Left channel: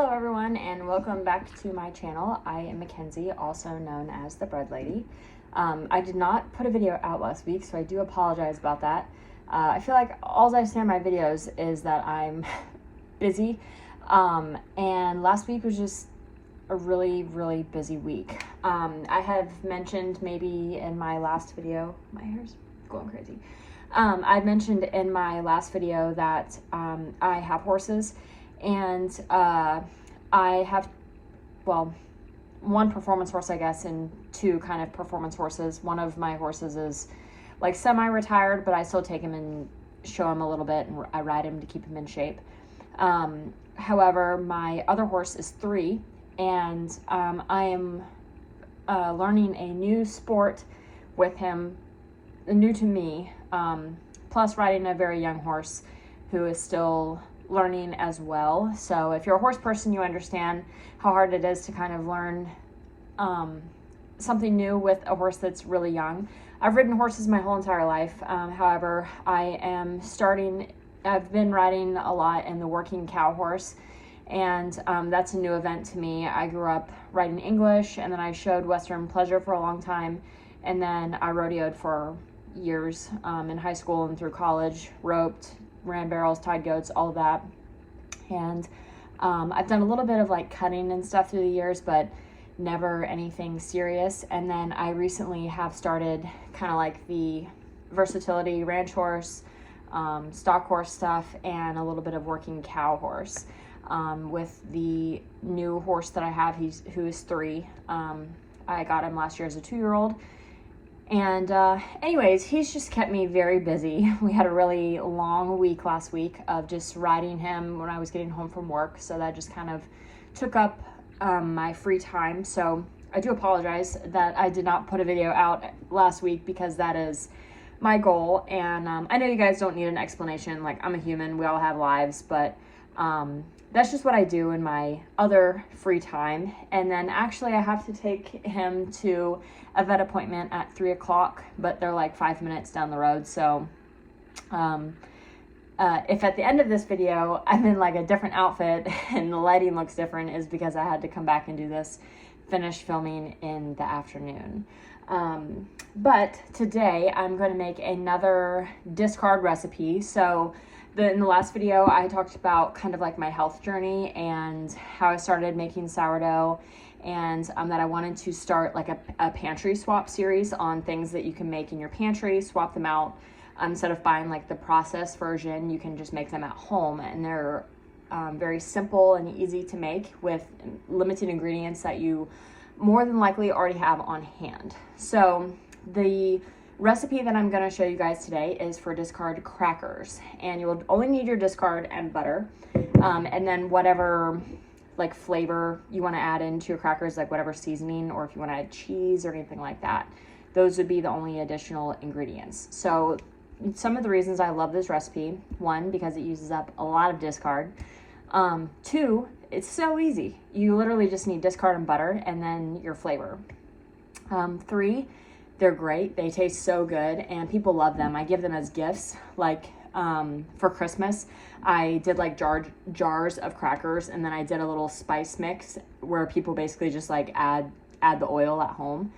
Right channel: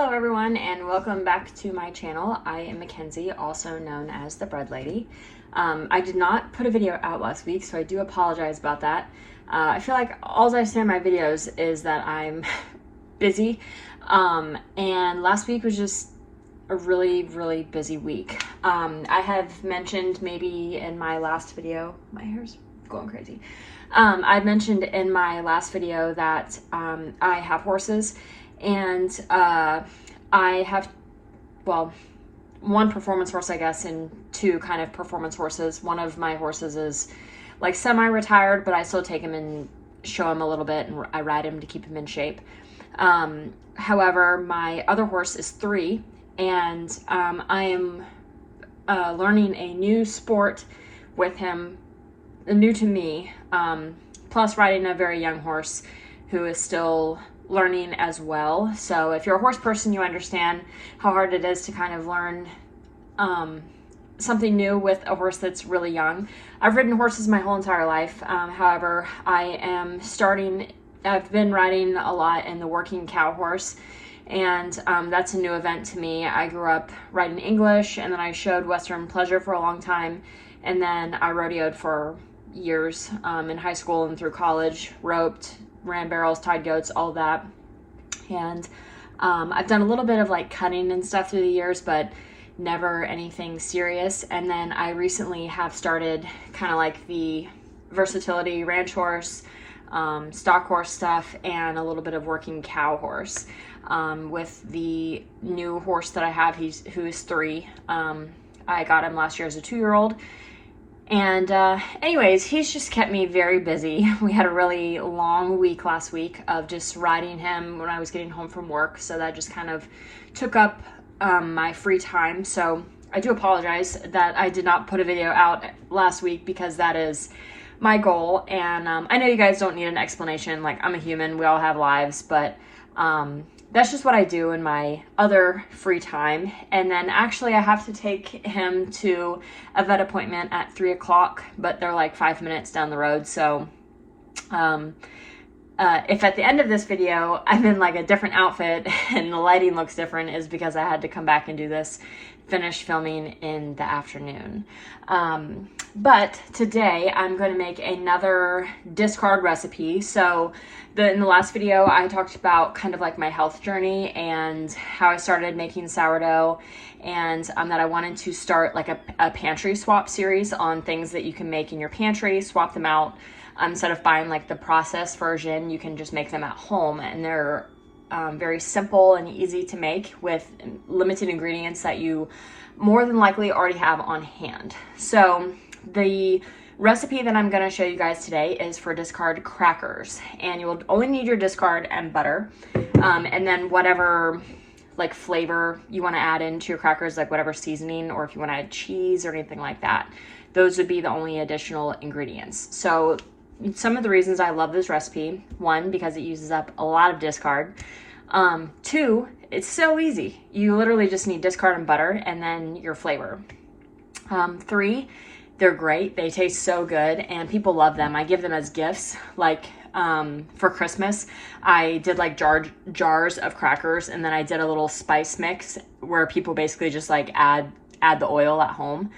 Hello everyone and welcome back to my channel. I am Mackenzie, also known as the Bread Lady. I did not put a video out last week, so I do apologize about that. I feel like all I say in my videos is that I'm busy, and last week was just a really busy week. I have mentioned maybe in my last video, my hair's going crazy. I mentioned in my last video that I have horses, and I have, well, one performance horse, I guess, and two kind of performance horses. One of my horses is like semi-retired, but I still take him and show him a little bit, and I ride him to keep him in shape. However, my other horse is 3, and I am learning a new sport with him, new to me, plus riding a very young horse who is still learning as well. So if you're a horse person, you understand how hard it is to kind of learn something new with a horse that's really young. I've ridden horses my whole entire life. However, I've been riding a lot in the working cow horse, and that's a new event to me. I grew up riding English, and then I showed Western Pleasure for a long time, and then I rodeoed for years in high school and through college, roped, ran barrels, tied goats, all that. And I've done a little bit of like cutting and stuff through the years, but never anything serious. And then I recently have started kind of like the versatility ranch horse, stock horse stuff, and a little bit of working cow horse. With the new horse that I have, who is 3. I got him last year as a 2-year-old. And anyways, he's just kept me very busy. We had a really long week last week of just riding him when I was getting home from work, so that just kind of took up my free time. So I do apologize that I did not put a video out last week, because that is my goal. And I know you guys don't need an explanation. Like, I'm a human, we all have lives, but that's just what I do in my other free time. And then actually I have to take him to a vet appointment at 3 o'clock, but they're like 5 minutes down the road. So if at the end of this video I'm in like a different outfit and the lighting looks different, is because I had to come back and do this finished filming in the afternoon. But today I'm going to make another discard recipe. So in the last video I talked about kind of like my health journey and how I started making sourdough, and that I wanted to start like a pantry swap series on things that you can make in your pantry, swap them out. Instead of buying like the processed version, you can just make them at home, and they're very simple and easy to make with limited ingredients that you more than likely already have on hand. So the recipe that I'm going to show you guys today is for discard crackers, and you'll only need your discard and butter, and then whatever like flavor you want to add into your crackers, like whatever seasoning, or if you want to add cheese or anything like that. Those would be the only additional ingredients. So some of the reasons I love this recipe: 1, because it uses up a lot of discard. 2, it's so easy. You literally just need discard and butter, and then your flavor. 3, they're great. They taste so good, and people love them. I give them as gifts. Like for Christmas, I did like jars of crackers, and then I did a little spice mix where people basically just like add the oil at home.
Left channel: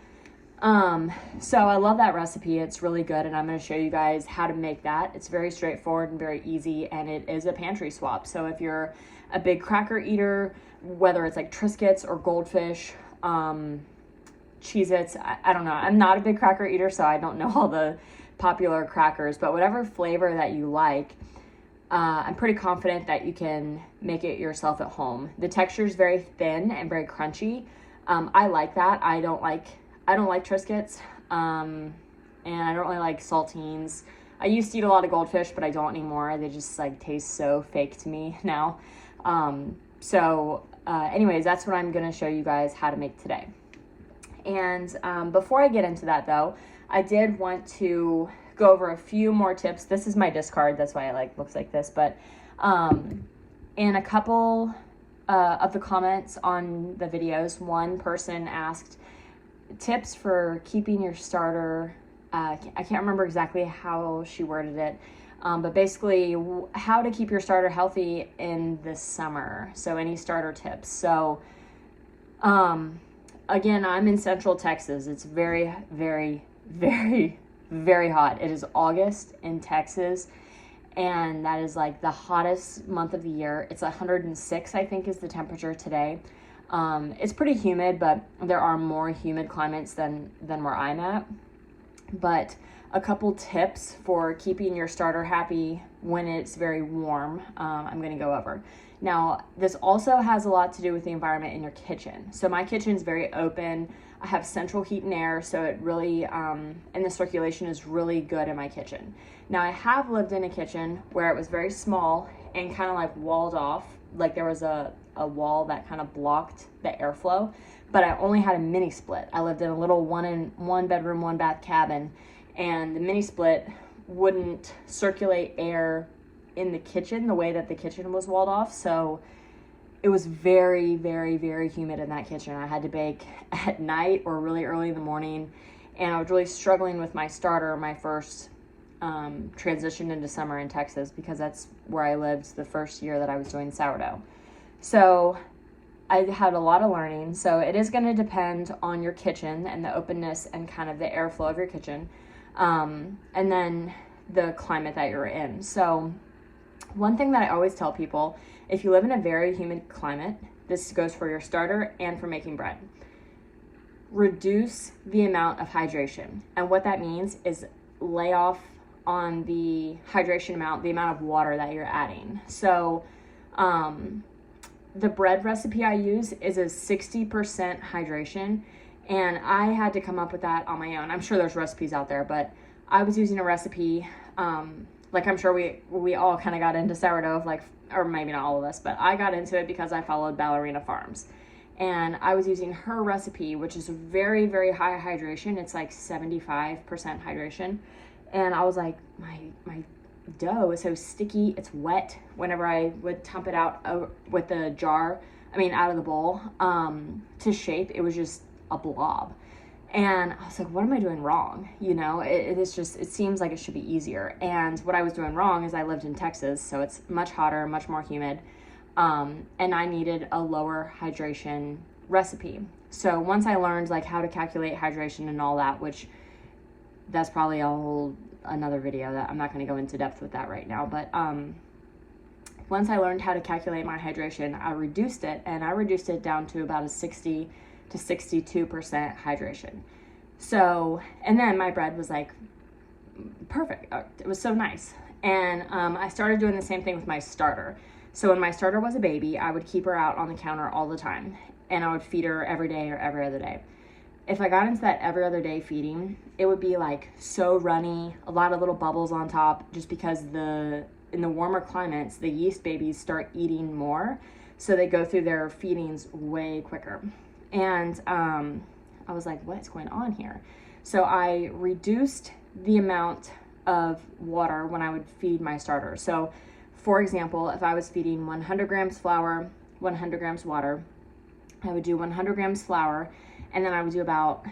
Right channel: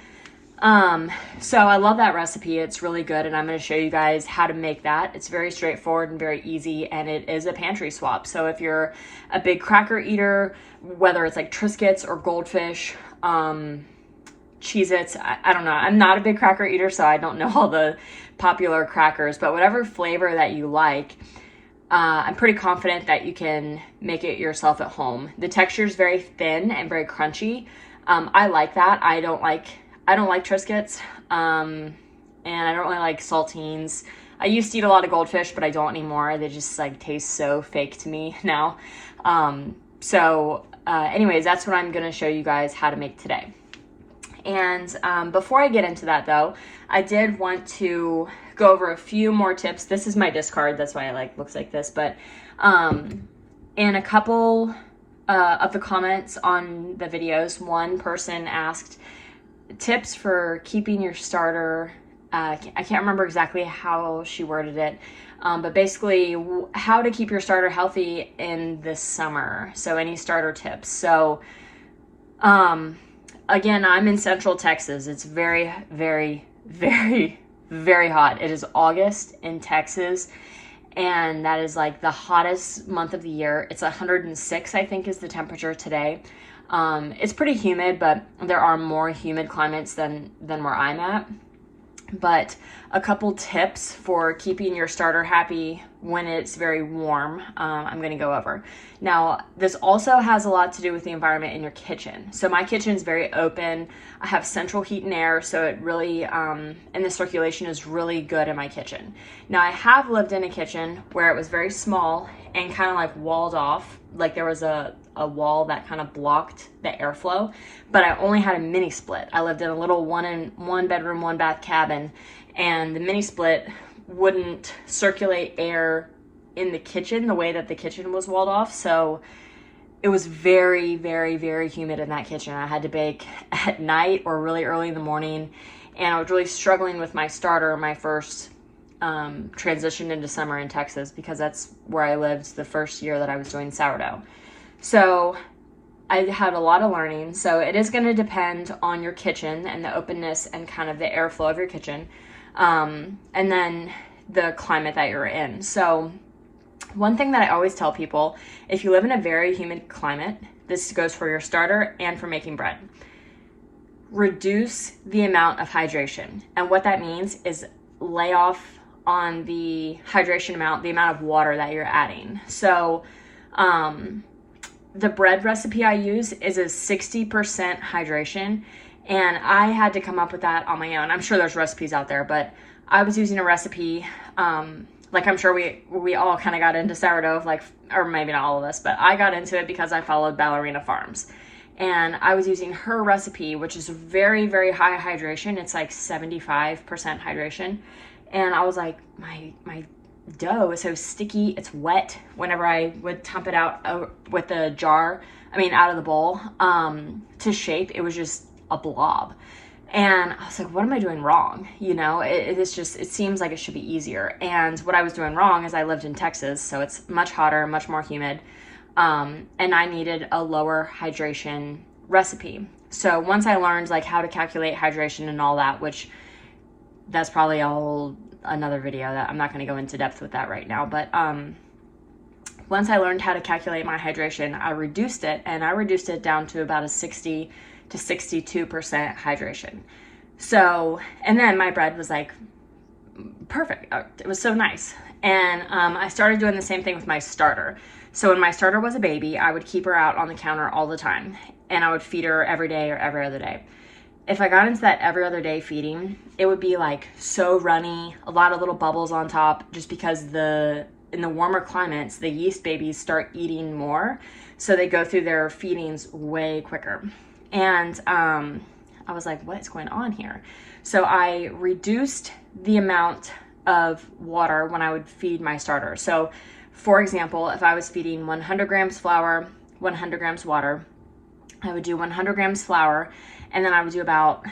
So I love that recipe. It's really good, and I'm going to show you guys how to make that. It's very straightforward and very easy, and it is a pantry swap. So if you're a big cracker eater, whether it's like Triscuits or Goldfish, Cheez-Its, I don't know. I'm not a big cracker eater, so I don't know all the popular crackers, but whatever flavor that you like, I'm pretty confident that you can make it yourself at home. The texture is very thin and very crunchy. I like that. I don't like Triscuits, and I don't really like saltines. I used to eat a lot of Goldfish, but I don't anymore. They just like taste so fake to me now. Anyways, that's what I'm going to show you guys how to make today. And before I get into that though, I did want to go over a few more tips. This is my discard, that's why it like looks like this, but in a couple of the comments on the videos, one person asked tips for keeping your starter I can't remember exactly how she worded it, but basically how to keep your starter healthy in the summer. So any starter tips. So again, I'm in Central Texas. It's very, very, very, very hot. It is August in Texas, and that is like the hottest month of the year. It's 106, I think, is the temperature today. It's pretty humid, but there are more humid climates than where I'm at. But a couple tips for keeping your starter happy when it's very warm, I'm going to go over. Now, this also has a lot to do with the environment in your kitchen. So my kitchen's very open. I have central heat and air, so it really, and the circulation is really good in my kitchen. Now, I have lived in a kitchen where it was very small and kind of like walled off, like there was a wall that kind of blocked the airflow, but I only had a mini split. I lived in a little one bedroom, one bath cabin, and the mini split wouldn't circulate air in the kitchen the way that the kitchen was walled off. So it was very, very, very humid in that kitchen. I had to bake at night or really early in the morning, and I was really struggling with my starter, my first transition into summer in Texas, because that's where I lived the first year that I was doing sourdough. So I had a lot of learning. So it is going to depend on your kitchen and the openness and kind of the airflow of your kitchen, and then the climate that you're in. So one thing that I always tell people, if you live in a very humid climate, this goes for your starter and for making bread, reduce the amount of hydration. And what that means is lay off on the hydration amount, the amount of water that you're adding. So the bread recipe I use is a 60% hydration, and I had to come up with that on my own. I'm sure there's recipes out there, but I was using a recipe, like I'm sure we all kind of got into sourdough, like, or maybe not all of us, but I got into it because I followed Ballerina Farms. And I was using her recipe, which is very, very high hydration. It's like 75% hydration. And I was like, my dough is so sticky, it's wet whenever I would dump it out with the jar, out of the bowl, to shape. It was just a blob. And I was like, what am I doing wrong? It seems like it should be easier. And what I was doing wrong is I lived in Texas, so it's much hotter, much more humid. And I needed a lower hydration recipe. So once I learned like how to calculate hydration and all that, which that's probably another video that I'm not going to go into depth with that right now. But once I learned how to calculate my hydration, I reduced it down to about a 60 to 62% hydration. So, and then my bread was like perfect. It was so nice. And I started doing the same thing with my starter. So when my starter was a baby, I would keep her out on the counter all the time, and I would feed her every day or every other day. If I got into that every other day feeding, it would be like so runny, a lot of little bubbles on top, just because in the warmer climates, the yeast babies start eating more, so they go through their feedings way quicker. And I was like, what is going on here? So I reduced the amount of water when I would feed my starter. So for example, if I was feeding 100 grams flour, 100 grams water, I would do 100 grams flour, and then I would do about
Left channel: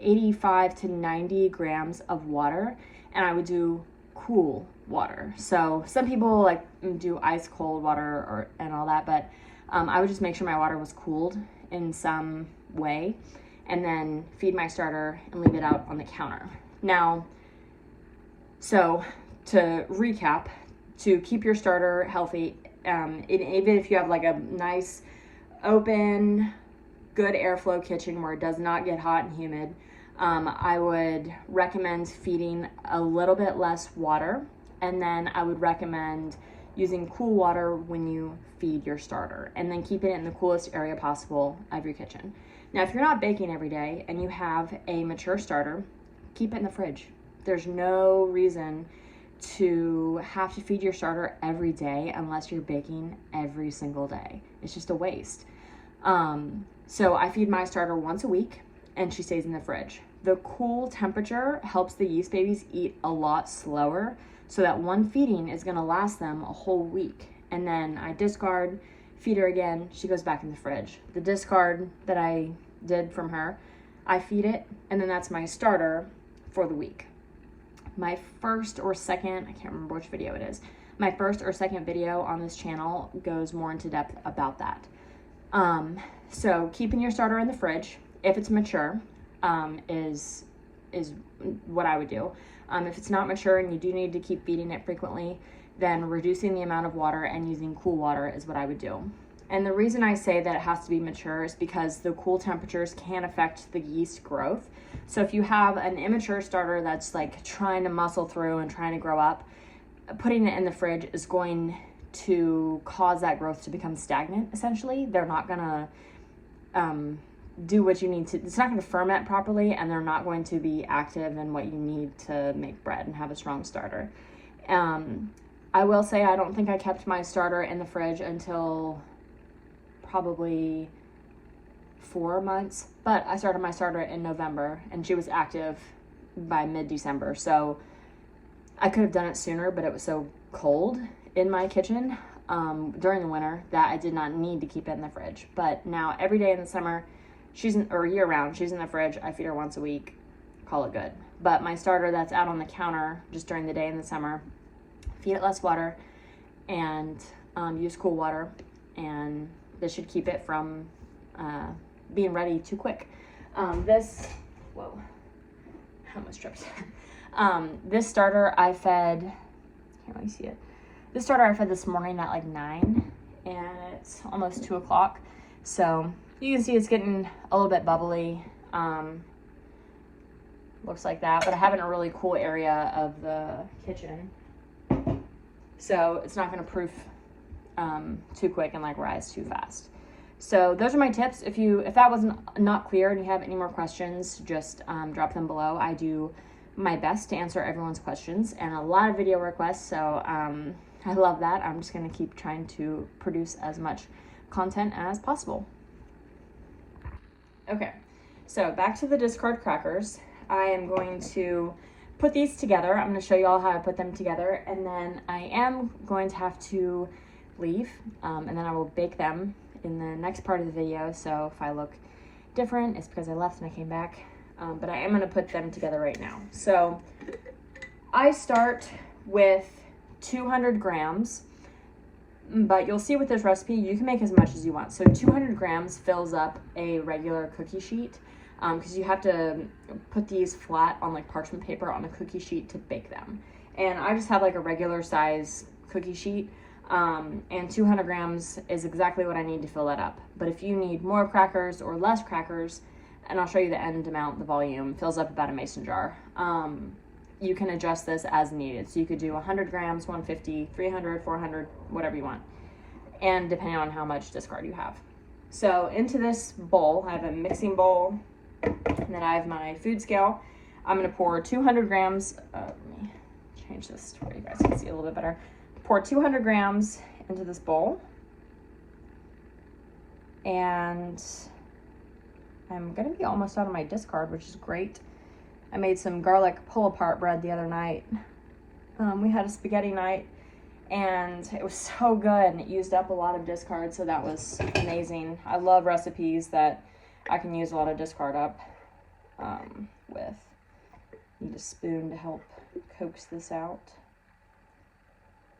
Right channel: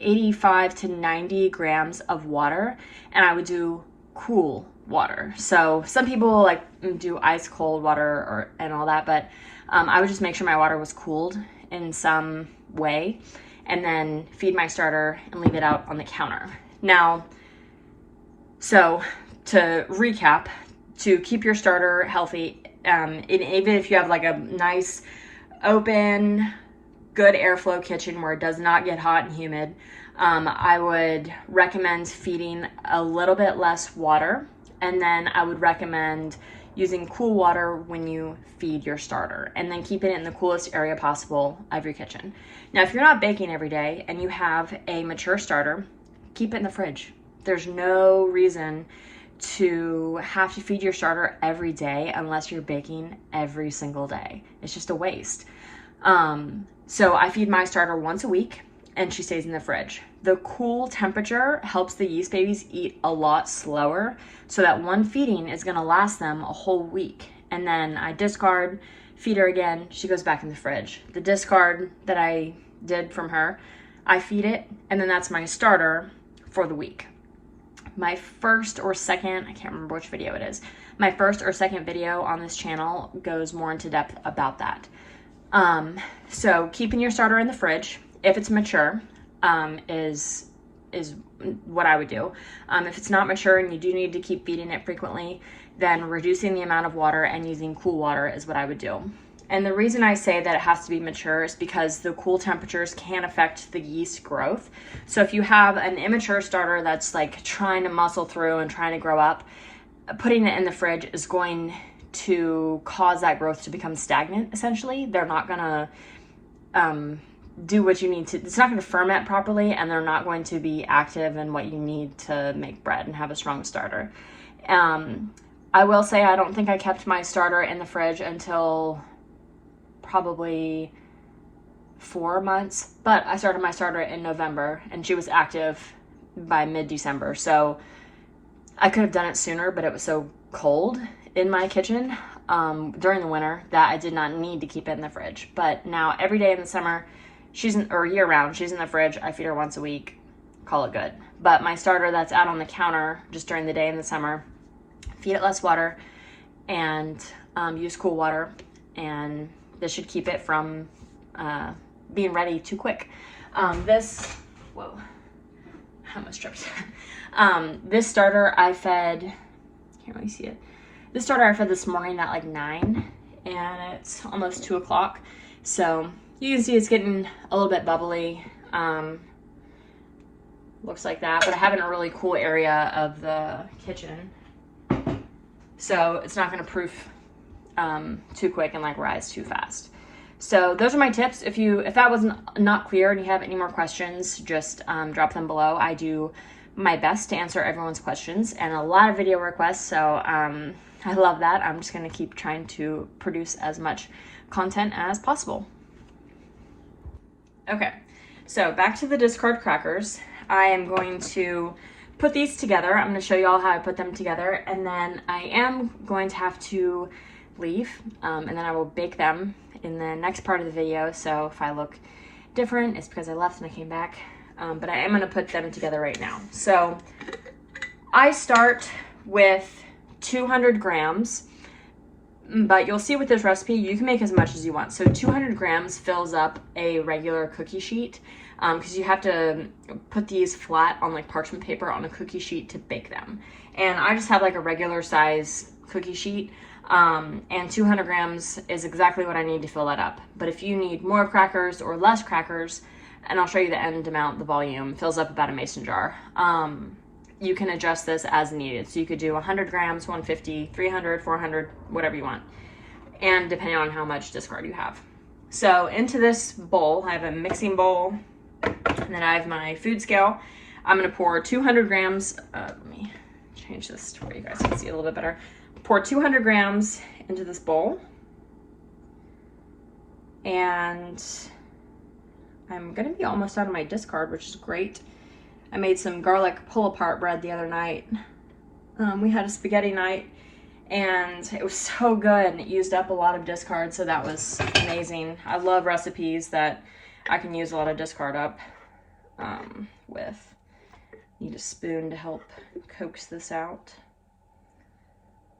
85 to 90 grams of water, and I would do cool water. So some people like do ice cold water and all that, but I would just make sure my water was cooled in some way, and then feed my starter and leave it out on the counter. Now, so to recap, to keep your starter healthy, and even if you have like a nice open, good airflow kitchen where it does not get hot and humid, I would recommend feeding a little bit less water, and then I would recommend using cool water when you feed your starter, and then keeping it in the coolest area possible of your kitchen. Now, if you're not baking every day and you have a mature starter, keep it in the fridge. There's no reason to have to feed your starter every day unless you're baking every single day. It's just a waste. So I feed my starter once a week, and she stays in the fridge. The cool temperature helps the yeast babies eat a lot slower, so that one feeding is going to last them a whole week. And then I discard, feed her again, she goes back in the fridge. The discard that I did from her, I feed it, and then that's my starter for the week. My first or second, I can't remember which video it is, my first or second video on this channel goes more into depth about that. So keeping your starter in the fridge, if it's mature, is what I would do. If it's not mature and you do need to keep feeding it frequently, then reducing the amount of water and using cool water is what I would do. And the reason I say that it has to be mature is because the cool temperatures can affect the yeast growth. So if you have an immature starter that's like trying to muscle through and trying to grow up, putting it in the fridge is going to cause that growth to become stagnant, essentially. They're not gonna do what you need to, it's not gonna ferment properly, and they're not going to be active in what you need to make bread and have a strong starter. I will say I don't think I kept my starter in the fridge until probably 4 months, but I started my starter in November and she was active by mid-December. So I could have done it sooner, but it was so cold in my kitchen during the winter that I did not need to keep it in the fridge. But now every day in the summer, or year round, she's in the fridge. I feed her once a week, call it good. But my starter that's out on the counter just during the day in the summer, feed it less water and use cool water, and this should keep it from being ready too quick. Whoa, I almost tripped. This starter I fed, can't really see it. This starter I fed this morning at like 9, and it's almost 2 o'clock. So you can see it's getting a little bit bubbly. Looks like that, but I have it in a really cool area of the kitchen. So it's not gonna proof too quick and like rise too fast. So those are my tips. If that was not clear and you have any more questions, just drop them below. I do my best to answer everyone's questions, and a lot of video requests, so I love that. I'm just gonna keep trying to produce as much content as possible. Okay, so back to the discard crackers. I am going to put these together. I'm going to show you all how I put them together, and then I am going to have to leave, and then I will bake them in the next part of the video. So if I look different, it's because I left and I came back, but I am going to put them together right now. So I start with 200 grams, but you'll see with this recipe, you can make as much as you want. So 200 grams fills up a regular cookie sheet, because you have to put these flat on like parchment paper on a cookie sheet to bake them. And I just have like a regular size cookie sheet, and 200 grams is exactly what I need to fill that up. But if you need more crackers or less crackers, and I'll show you the end amount, the volume fills up about a mason jar. You can adjust this as needed. So you could do 100 grams, 150, 300, 400, whatever you want, and depending on how much discard you have. So into this bowl, I have a mixing bowl, and then I have my food scale. I'm gonna pour 200 grams, let me change this to where you guys can see it a little bit better. Pour 200 grams into this bowl, and I'm gonna be almost out of my discard, which is great. I made some garlic pull-apart bread the other night. We had a spaghetti night, and it was so good, and it used up a lot of discard, so that was amazing. I love recipes that I can use a lot of discard up with. Need a spoon to help coax this out.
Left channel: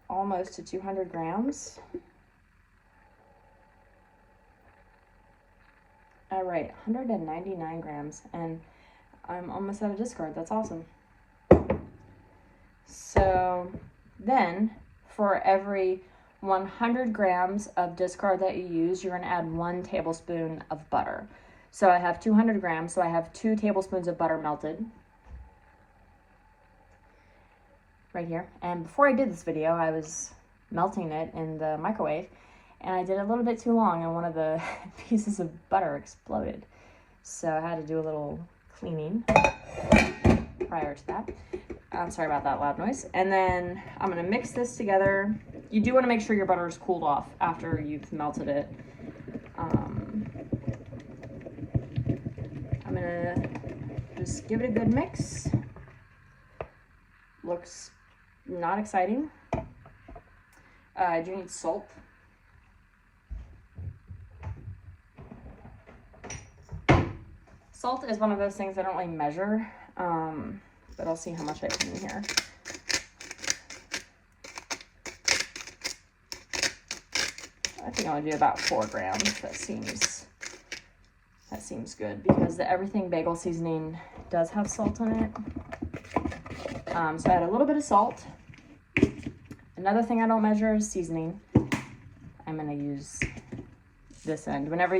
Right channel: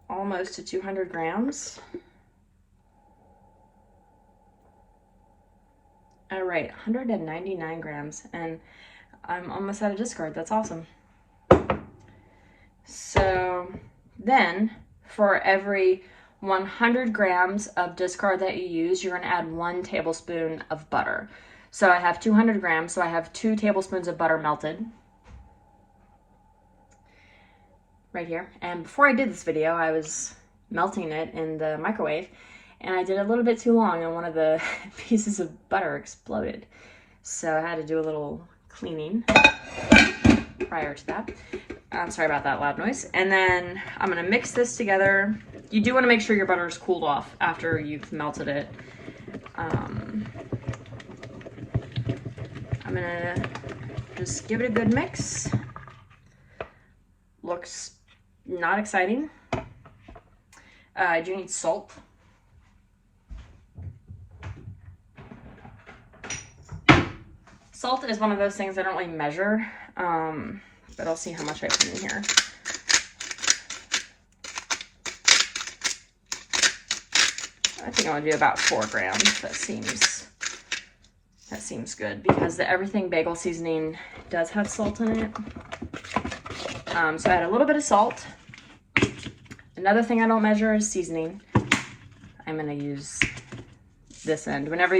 Almost to 200 grams. All right, 199 grams, and I'm almost out of discard. That's awesome. So then, for every 100 grams of discard that you use, you're gonna add 1 tablespoon of butter. So I have 200 grams, so I have 2 tablespoons of butter melted right here. And before I did this video, I was melting it in the microwave, and I did it a little bit too long, and one of the pieces of butter exploded. So I had to do a little cleaning prior to that. I'm sorry about that loud noise. And then I'm gonna mix this together. You do wanna make sure your butter is cooled off after you've melted it. I'm gonna just give it a good mix. Looks not exciting. I do need salt. Salt is one of those things I don't really measure, but I'll see how much I put in here. I think I'll do about 4 grams. That seems good because the everything bagel seasoning does have salt in it. So add a little bit of salt. Another thing I don't measure is seasoning. I'm gonna use this end. Whenever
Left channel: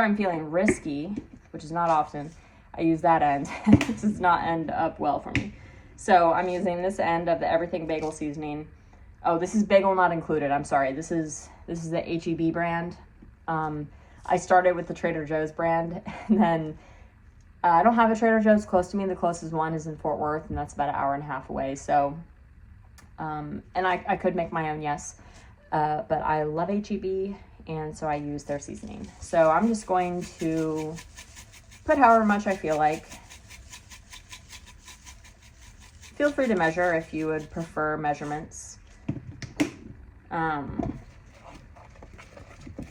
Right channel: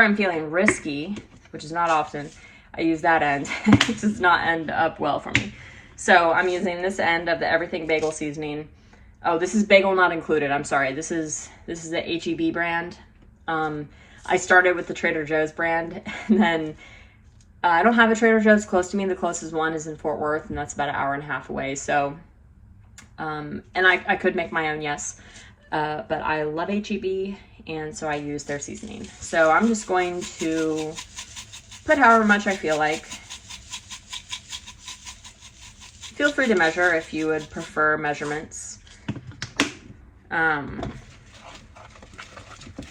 I'm feeling risky, which is not often, I use that end. It does not end up well for me. So I'm using this end of the everything bagel seasoning. Oh, this is bagel not included. I'm sorry. This is the HEB brand. I started with the Trader Joe's brand, and then I don't have a Trader Joe's close to me. The closest one is in Fort Worth, and that's about an hour and a half away. So, and I could make my own, yes, but I love HEB, and so I use their seasoning. So I'm just going to put however much I feel like. Feel free to measure if you would prefer measurements.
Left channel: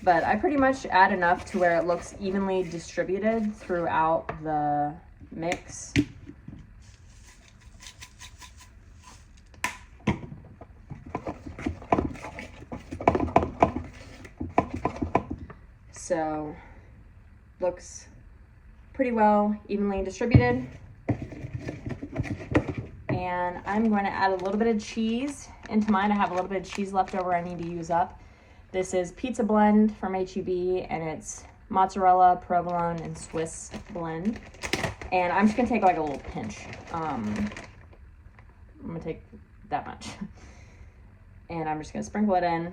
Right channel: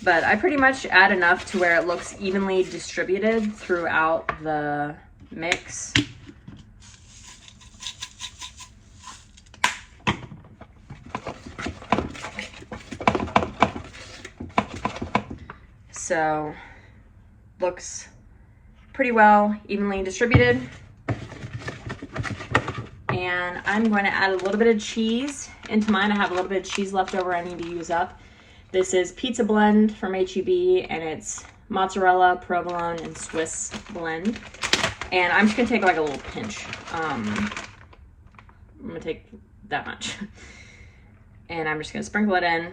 But I pretty much add enough to where it looks evenly distributed throughout the mix. So, looks pretty well evenly distributed. And I'm going to add a little bit of cheese into mine. I have a little bit of cheese left over I need to use up. This is Pizza Blend from HEB, and it's mozzarella, provolone, and Swiss blend. And I'm just going to take like a little pinch. I'm going to take that much. And I'm just going to sprinkle it in.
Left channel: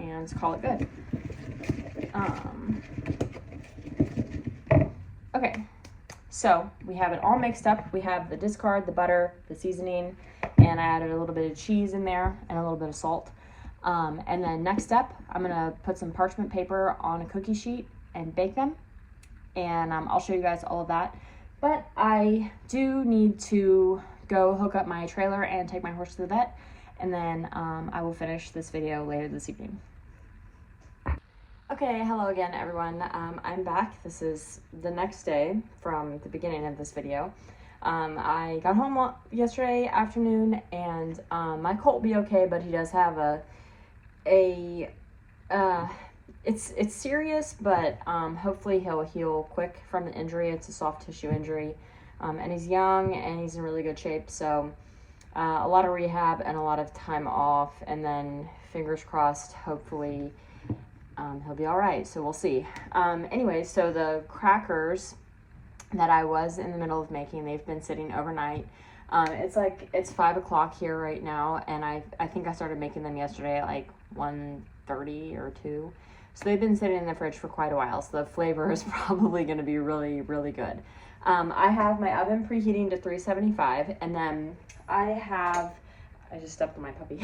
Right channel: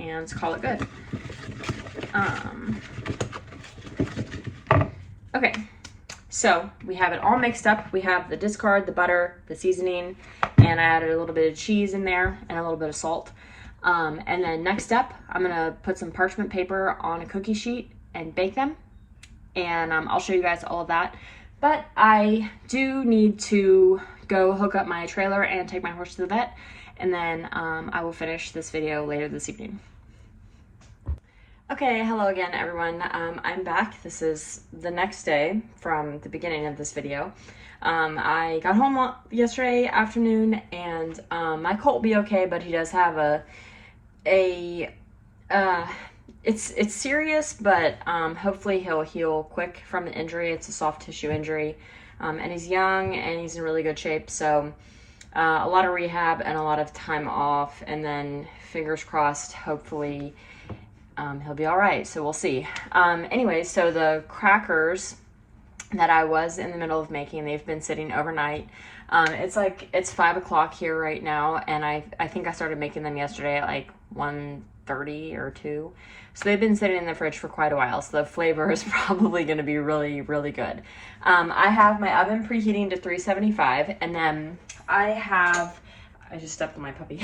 And call it good. Okay. So we have it all mixed up. We have the discard, the butter, the seasoning, and I added a little bit of cheese in there and a little bit of salt. And then next step, I'm gonna put some parchment paper on a cookie sheet and bake them. And I'll show you guys all of that. But I do need to go hook up my trailer and take my horse to the vet. And then I will finish this video later this evening. Okay, hello again everyone. I'm back. This is the next day from the beginning of this video. I got home yesterday afternoon, and my colt will be okay, but he does have it's serious, but hopefully he'll heal quick from the injury. It's a soft tissue injury, and he's young and he's in really good shape, so a lot of rehab and a lot of time off, and then fingers crossed, hopefully he'll be all right, so we'll see. Anyway, so the crackers that I was in the middle of making, they've been sitting overnight. It's 5 o'clock here right now, and I think I started making them yesterday at like 1:30 or 2. So they've been sitting in the fridge for quite a while, so the flavor is probably going to be really, really good. I have my oven preheating to 375, and then I just stepped on my puppy.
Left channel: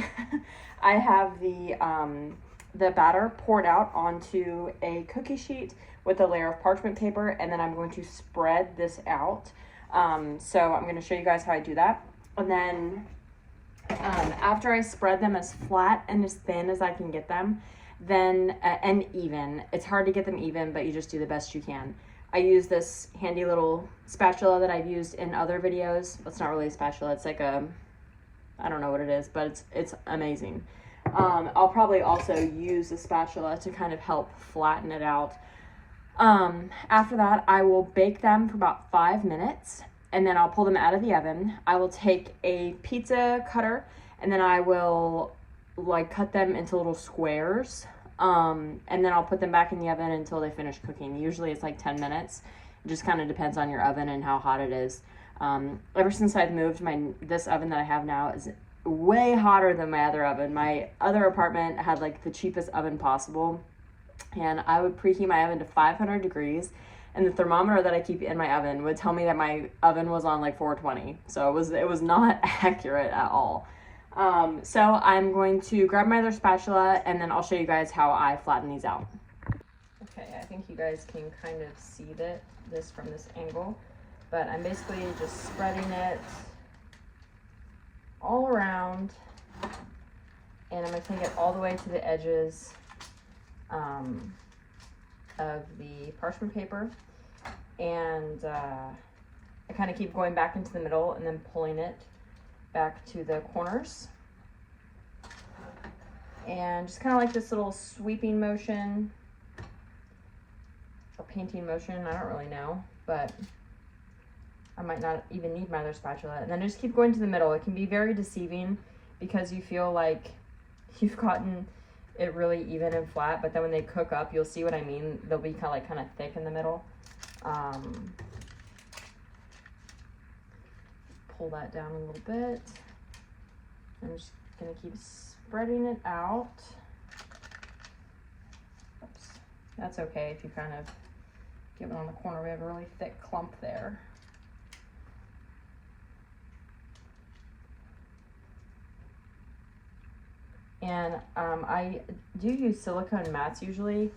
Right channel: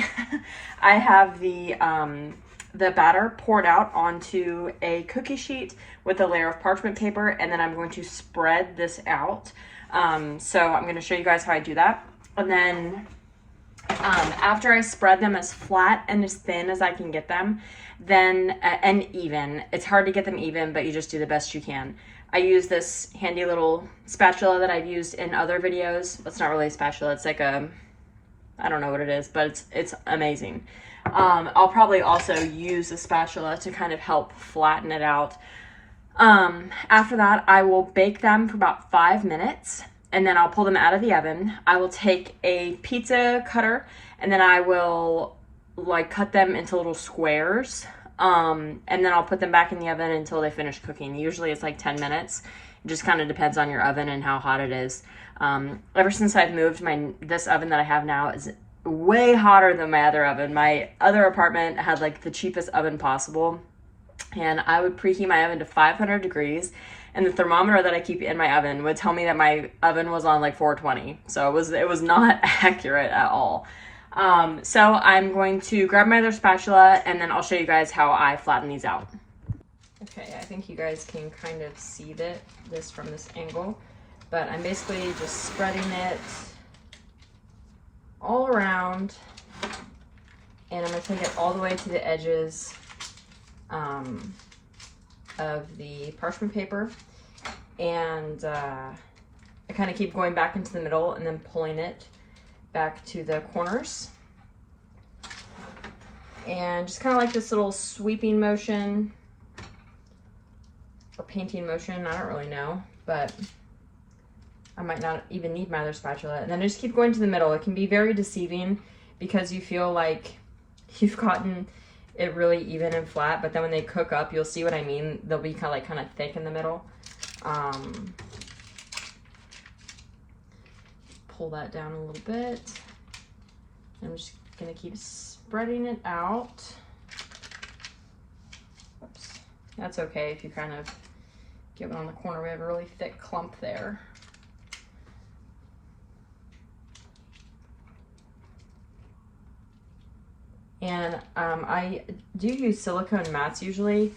I have the batter poured out onto a cookie sheet with a layer of parchment paper, and then I'm going to spread this out. So I'm going to show you guys how I do that. And then after I spread them as flat and as thin as I can get them, then and even, it's hard to get them even, but you just do the best you can. I use this handy little spatula that I've used in other videos. It's not really a spatula, it's like a, I don't know what it is, but it's amazing. I'll probably also use a spatula to kind of help flatten it out. After that, I will bake them for about 5 minutes, and then I'll pull them out of the oven. I will take a pizza cutter, and then I will like cut them into little squares, and then I'll put them back in the oven until they finish cooking. Usually it's like 10 minutes. It just kind of depends on your oven and how hot it is. Ever since I've moved, this oven that I have now is way hotter than my other oven. My other apartment had like the cheapest oven possible, and I would preheat my oven to 500 degrees, and the thermometer that I keep in my oven would tell me that my oven was on like 420. So it was not accurate at all. So I'm going to grab my other spatula, and then I'll show you guys how I flatten these out. Okay, I think you guys can kind of see this from this angle, but I'm basically just spreading it all around, and I'm going to take it all the way to the edges of the parchment paper, and I kind of keep going back into the middle and then pulling it back to the corners. And just kind of like this little sweeping motion or painting motion, I don't really know, but I might not even need my other spatula. And then I just keep going to the middle. It can be very deceiving because you feel like you've gotten it really even and flat, but then when they cook up, you'll see what I mean. They'll be kind of thick in the middle. Pull that down a little bit. I'm just gonna keep spreading it out. Oops. That's okay if you kind of get it on the corner. We have a really thick clump there. And I do use silicone mats usually,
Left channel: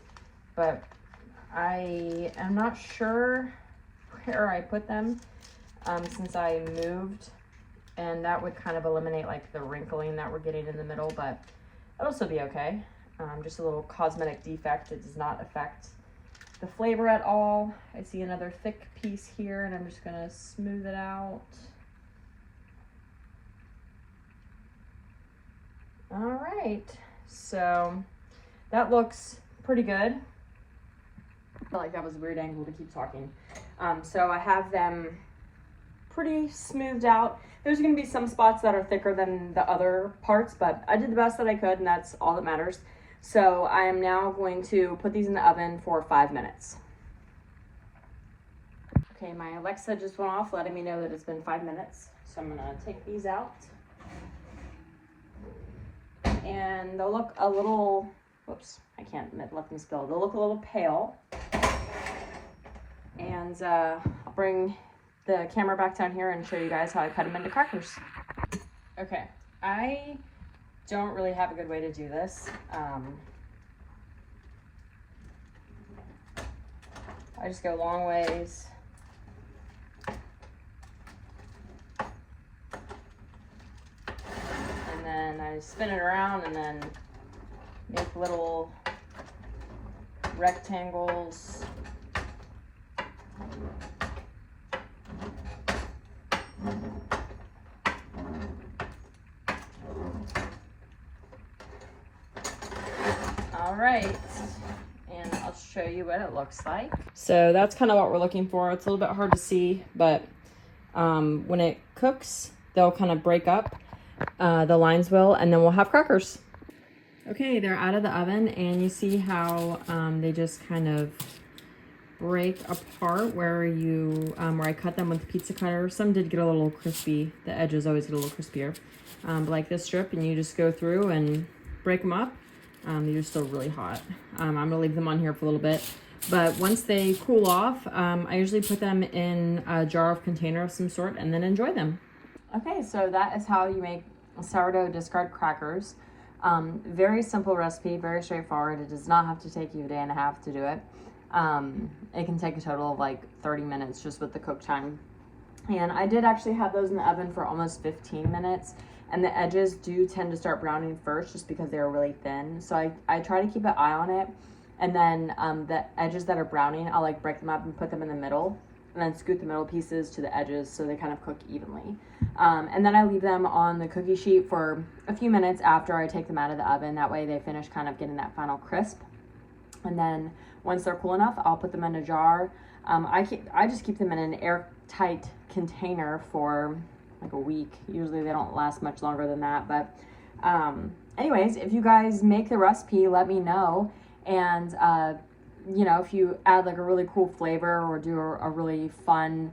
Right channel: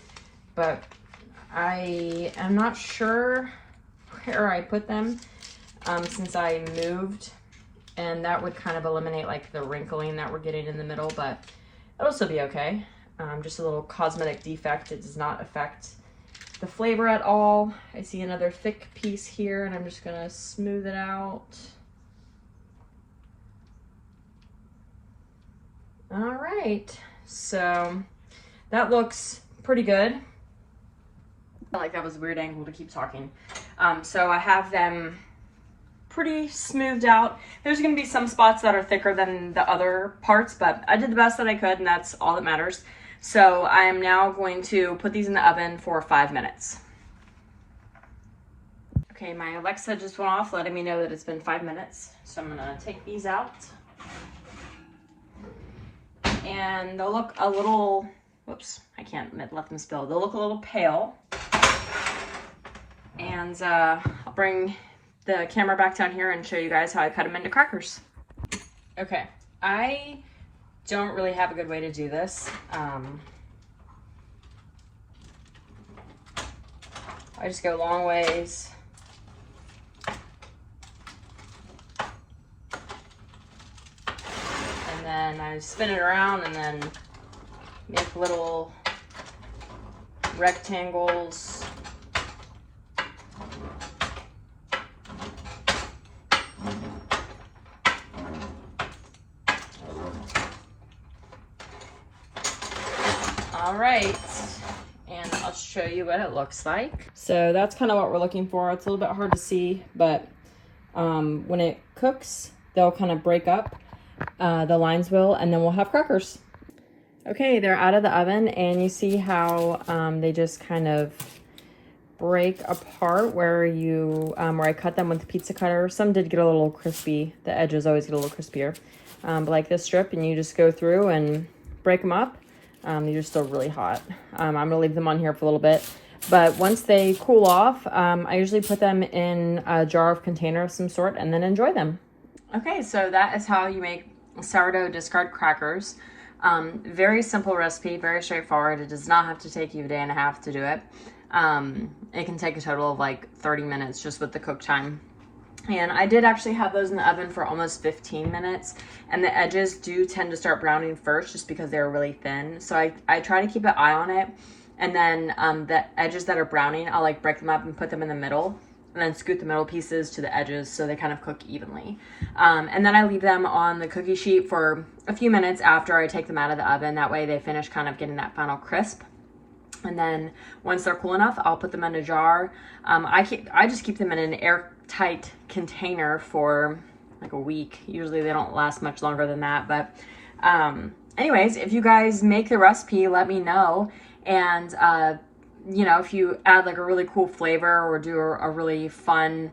but I am not sure where I put them since I moved, and that would kind of eliminate like the wrinkling that we're getting in the middle, but it'll still be okay. Just a little cosmetic defect. It does not affect the flavor at all. I see another thick piece here, and I'm just gonna smooth it out. All right, so that looks pretty good. I felt like that was a weird angle to keep talking. So I have them pretty smoothed out. There's gonna be some spots that are thicker than the other parts, but I did the best that I could, and that's all that matters. So I am now going to put these in the oven for 5 minutes. Okay, my Alexa just went off, letting me know that it's been 5 minutes. So I'm gonna take these out. And they'll look a little, whoops, I can't let them spill. They'll look a little pale. And I'll bring the camera back down here and show you guys how I cut them into crackers. Okay, I don't really have a good way to do this. I just go long ways. I spin it around and then make little rectangles. All right, and I'll show you what it looks like. So that's kind of what we're looking for. It's a little bit hard to see, but when it cooks, they'll kind of break up. The lines will, and then we'll have crackers. Okay, they're out of the oven, and you see how they just kind of break apart where you where I cut them with the pizza cutter. Some did get a little crispy. The edges always get a little crispier, but like this strip, and you just go through and break them up. These are still really hot. I'm gonna leave them on here for a little bit, but once they cool off, I usually put them in a jar of container of some sort and then enjoy them. Okay, so that is how you make sourdough discard crackers. Very simple recipe, very straightforward. It does not have to take you a day and a half to do it. It can take a total of like 30 minutes just with the cook time. And I did actually have those in the oven for almost 15 minutes, and the edges do tend to start browning first just because they're really thin. So I try to keep an eye on it, and then the edges that are browning, I'll like break them up and put them in the middle, and then scoot the middle pieces to the edges so they kind of cook evenly. And then I leave them on the cookie sheet for a few minutes after I take them out of the oven. That way they finish kind of getting that final crisp. And then once they're cool enough, I'll put them in a jar. I just keep them in an airtight container for like a week. Usually they don't last much longer than that. But anyways, if you guys make the recipe, let me know. And you know, if you add like a really cool flavor or do a really fun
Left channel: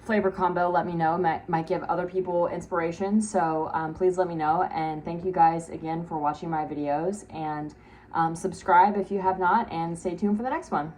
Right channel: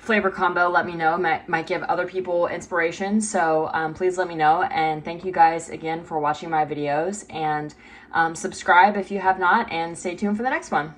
flavor combo, let me know. Might give other people inspiration. So please let me know. And thank you guys again for watching my videos. And subscribe if you have not, and stay tuned for the next one.